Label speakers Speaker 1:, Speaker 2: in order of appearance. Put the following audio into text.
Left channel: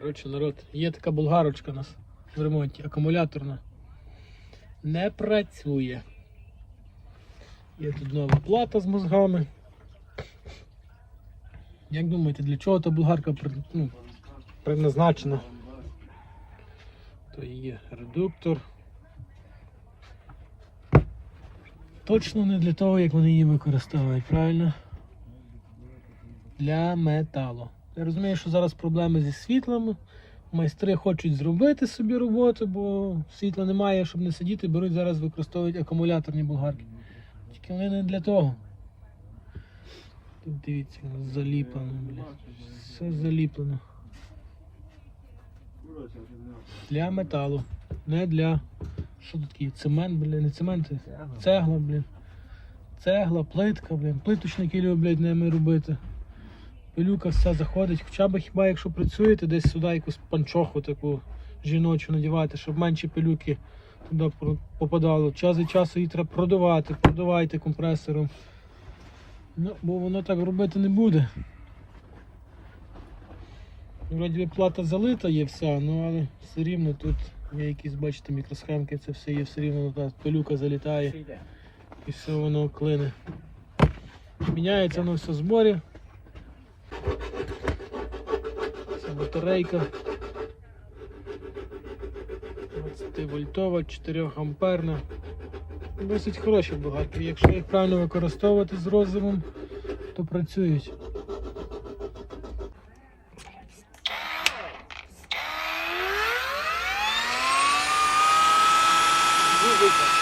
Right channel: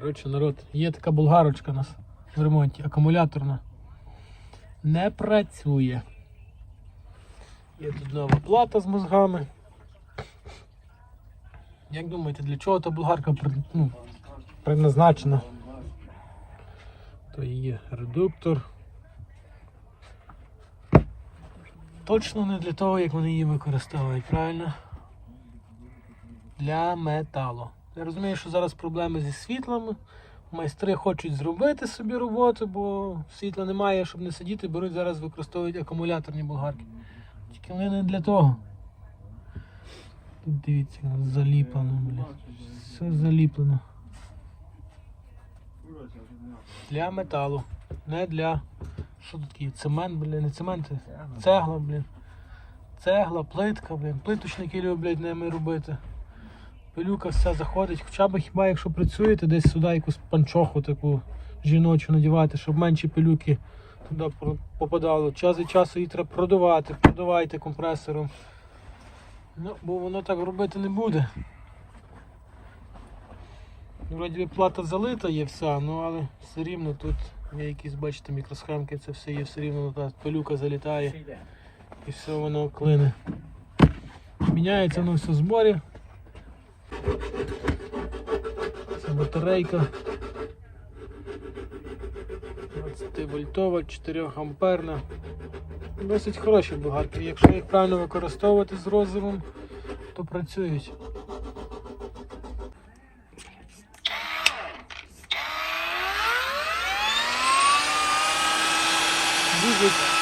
Speaker 1: Коротше, народ, є така болгарочка у нас в ремонті, акумуляторна. Не працює. Є тут нова плата з мозгами. Як думаєте, для чого та болгарка ну, предназначена? То є редуктор. Точно не для того, як вони її використовують, правильно? Для металу. Я розумію, що зараз проблеми зі світлами. Майстри хочуть зробити собі роботу, бо світла немає, щоб не сидіти, беруть зараз використовують акумуляторні болгарки. Тільки вони не для того. Дивіться, заліплено, бля. Все заліплено. Для металу. Не для. Що тут таке? Цемент, блін, не цемент, цегла, блін. Цегла, плитка, блін. Плиточники люблять ними робити. Пилюка вся заходить, хоча б хіба якщо працюєте, десь сюди якусь панчоху таку жіночу надівати, щоб менші пилюки туди попадало. Час від часу її треба продавати, продавайте компресором. Ну, бо воно так робити не буде. Вроді плата залита є вся, ну але все рівно тут є якісь, бачите, мікросхемки, це все є, все рівно пилюка залітає і все воно клине. Міняється воно все зборі. батарейка. 20 вольтова, 4 амперна. Досить хороші бугарки. Якщо їх правильно використовувати з розумом, то працюють. Дуже